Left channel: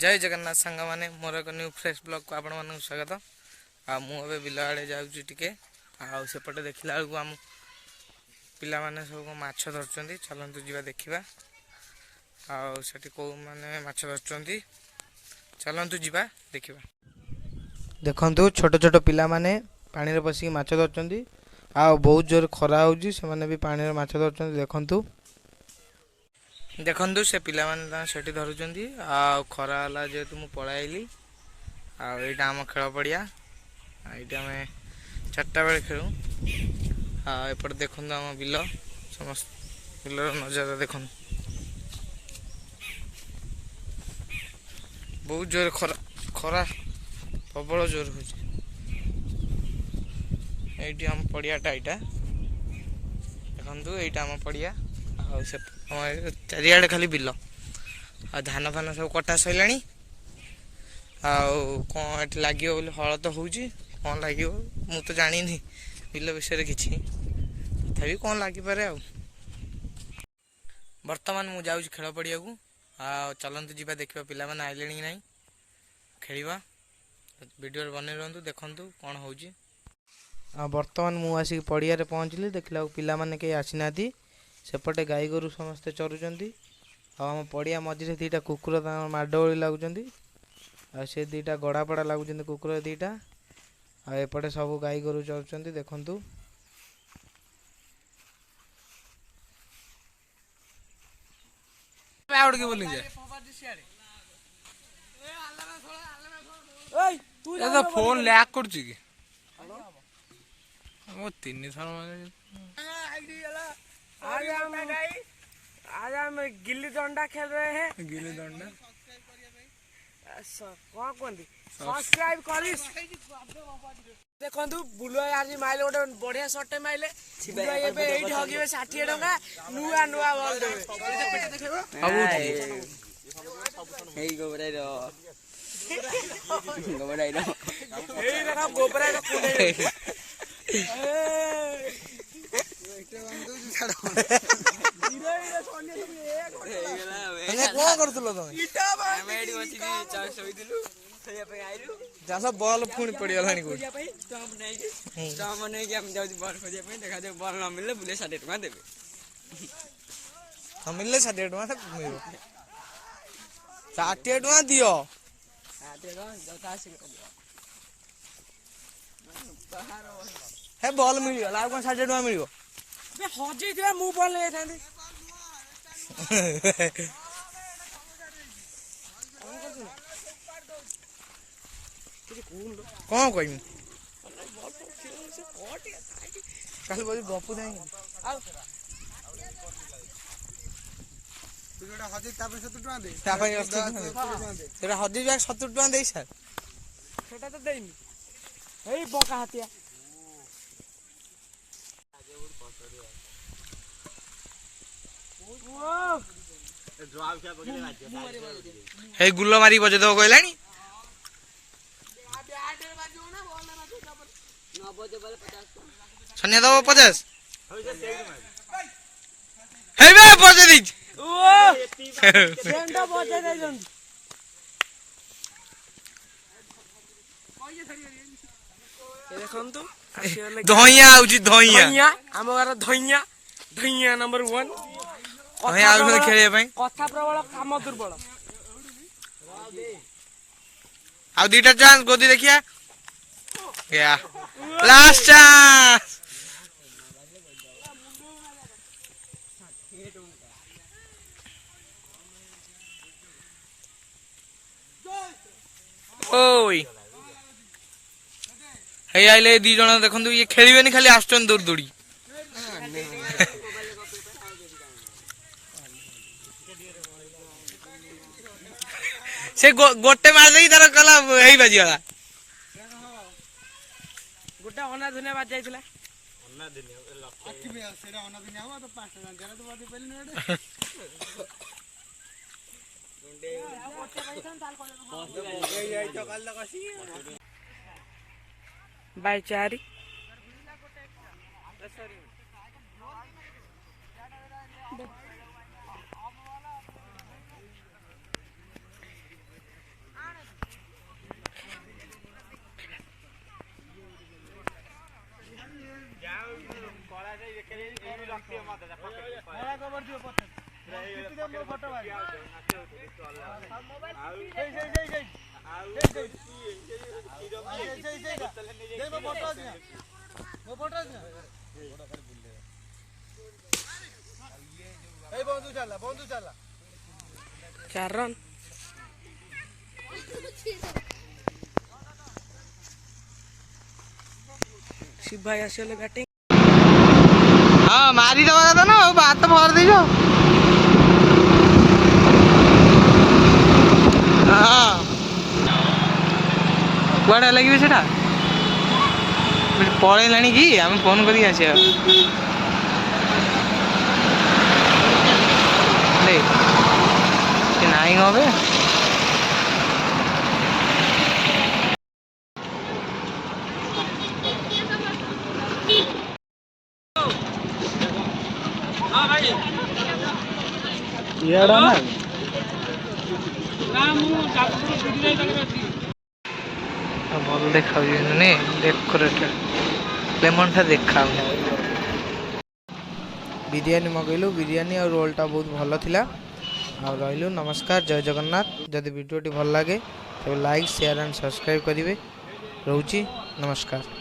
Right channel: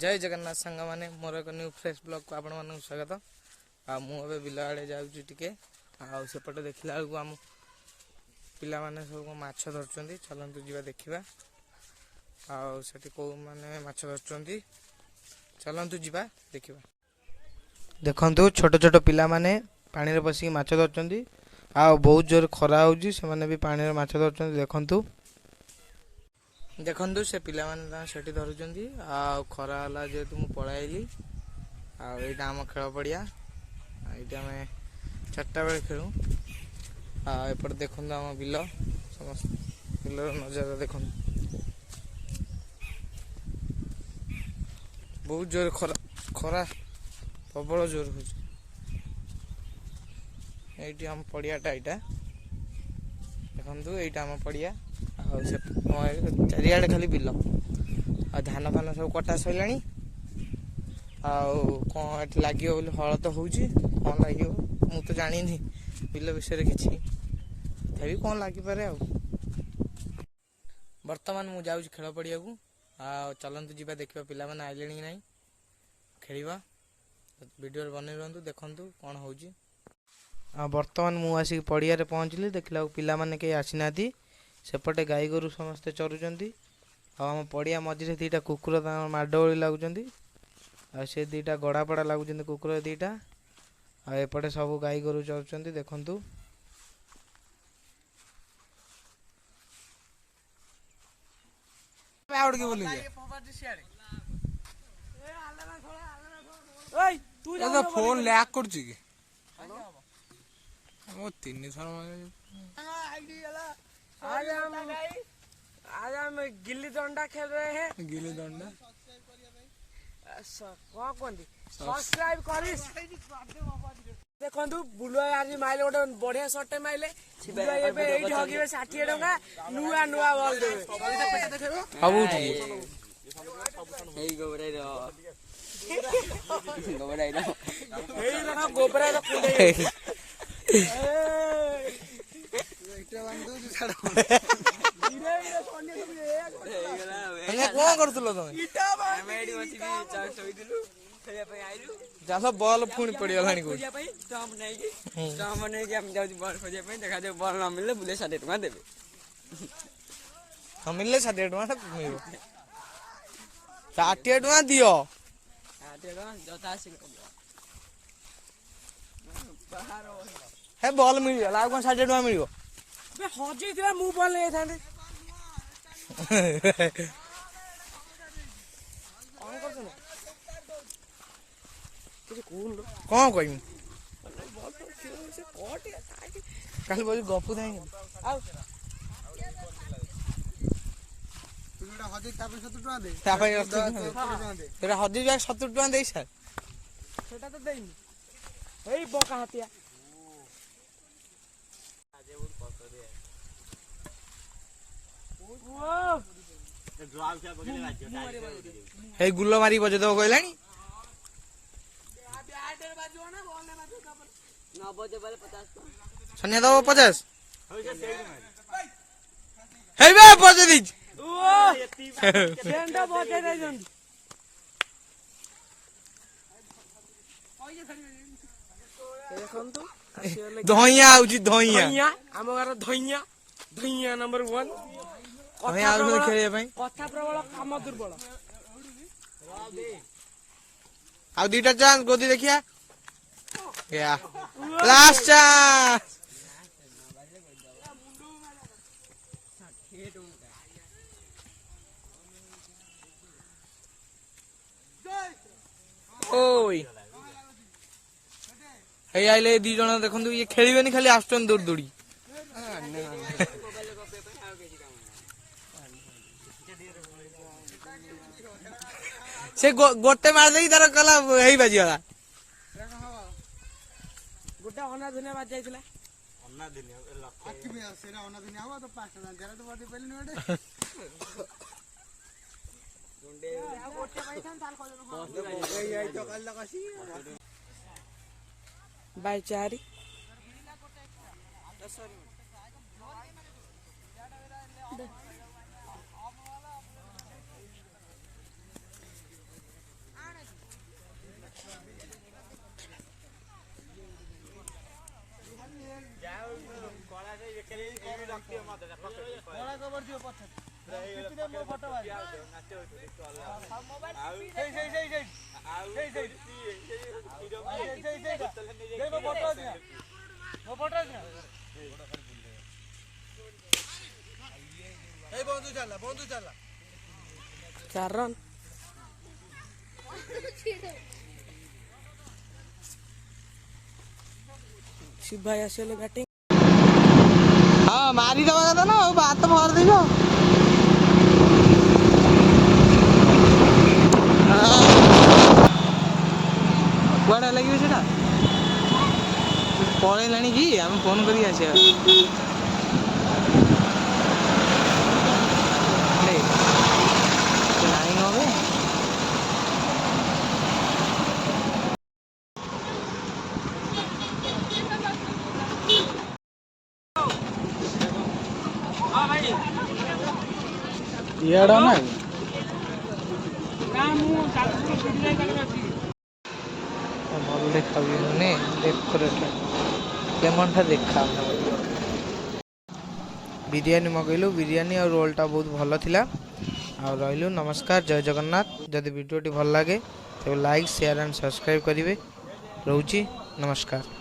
जय जगन्नाथ सांग मैंने मोर एक न्यू फ्रेश ब्लॉग को आपण मानक स्वागत। मुझे बिल आड़े जाऊँगी टिके आउपटे देखला बेलू आम पिला माने सब माछ धरचंदी। चलतु जीवा देखा आठी कौ मैंने माछ धरचंदी। चलतु जीवा देखा। देखु छोट छोट पिला माने पानी रे बसिक माछ धरचंदी। बहुत जोर खरा होउजी से माने भी पानी रे माछ धरचंदी। देखंतु देखंतु से पिला माने सेठी धरुचंदी। खरा हला जेतु मु पळाइली आईटा आम खेल पड़िया। ये आम 4टा बेले खेलु। एपटे देखु आम बिल समस्त बिलर नजारा देखु। बहुत जोर खरा खरा प्रबल जोर हो। ये आम पड़ियाटा यहाँ देखु। ये आम पड़िया चारियाडे खाली बिल धान फान सब कटा सैला। कौन ये लगे बोली हल तो हो कौन लगे मु तो जानी बिल विषय कि तथापि कौन लगिपे। बर्तमान मु जाऊँ खेल पड़िया को। चलतु जीवा देखा पिला माने आइले कि नहीं खेलिबा। वीडियो बने रहतु देखु कौन हो। बर्तमान मु आसिक पड़िया पहुँचली। देखला पिला माने कहीं आसीना। सेपटे गाई गोरु समस्ते चरुचंदी। आम पड़िया मझे दीटा कुकुर माडोली लगुंट। से दीटा गड़ापड़ा लगुंट कुकुर दीटा। एपटे सब गाई गोरु चरुचंदी देखंतु। फोन लैक कर तीन थर आज हम गिल्ली डंडा खेल रहे हैं। गिल्ली डंडा कौन कहते सब्सक्राइब करिस। देखंतु बुलुआ आज माइले गोटे बढ़िया शॉट माइले। बुलुआ एबे एठी हगिबे 60 टका नुआ नुआ बॉल देबे। हेई गोबराई रो हेई देखा गोबराई रो कुंडे कौन करतलो तुम चाष बल पुणी पड़गला बल न मिले बुले 60 टका देबे। मिलले 60 टका मिल 60 टका दियो। हे बल मिलगला कौन 60 टका मिल हजे मु बल ले था। कौन कह गपु हजी 70 टका दे सार छोटा तो देनी एई बका हाथिया हे गुल्लो मारी बजे दो कहलानी छनिया दो 50 हे बे बजे दी सेंडो बजे दे जंदी। देखंतु धइया आउची धइया आम घर धइया धइया नंबर 1 धइया आउ खेले पई कथा प्रबल काम दुर्बल। आ दीटा चांस गोदी देखिया या लास्ट चांस। ओई हे आइले दी जण देखंतु ये खेलिबेनी खाली आस्टन दूर दूरी। से गोटे मार देई तार कला हेई बाजी वाला गोटे अना धुने बाज जाइथिला। अन्ना दुनिया लक्ष्य में सेरा अन्ना दुनिया हो तो 5 टका जरा तो बादी पहले नडे गुंडे गोटे पैसा ताल कोले बाय चारी ବନ୍ଧୁ ଚାଲା 4 ରନ୍। ଶିବ ଭାଇ ଆସିଗଲେ ବ୍ୟାଟିଂ। ହଁ ମାରିଦବା କଥା ନା ଆଉ ହାତ ଭର ଦେଇଛ। କୁଆଡ଼େ ଲାଗିବେ ସେଟା ପଳେଇଲାଣି କି ଆମେ ଫୋନ କରିକି ଆସିବା ନାଇଁ କବେ ଇଆଡା ନା ଭଲ ଦେଖାଯାଉଛି ଡେକୋରେଟେଡ ଲେମନ ଟା ଦେଖାଉନି। ବିରିୟାନୀ ମଗେଇଲୁ, ବିରିୟାନୀ ଆଉ ରୋଲଟା ବହୁତ ଭଲ ଥିଲା। ଆଉ ରହିଲୁ, ନମସ୍କାର, ଜୟ ଜଗନ୍ନାଥ। ଯଦି ଭିଡ଼ିଓଟି ଭଲ ଲାଗେ ତେବେ ଲାଇକ୍, ସେୟାର ଆଣ୍ଡ ସବସ୍କ୍ରାଇବ୍ କରିବେ। ରହୁଛି, ନମସ୍କାର।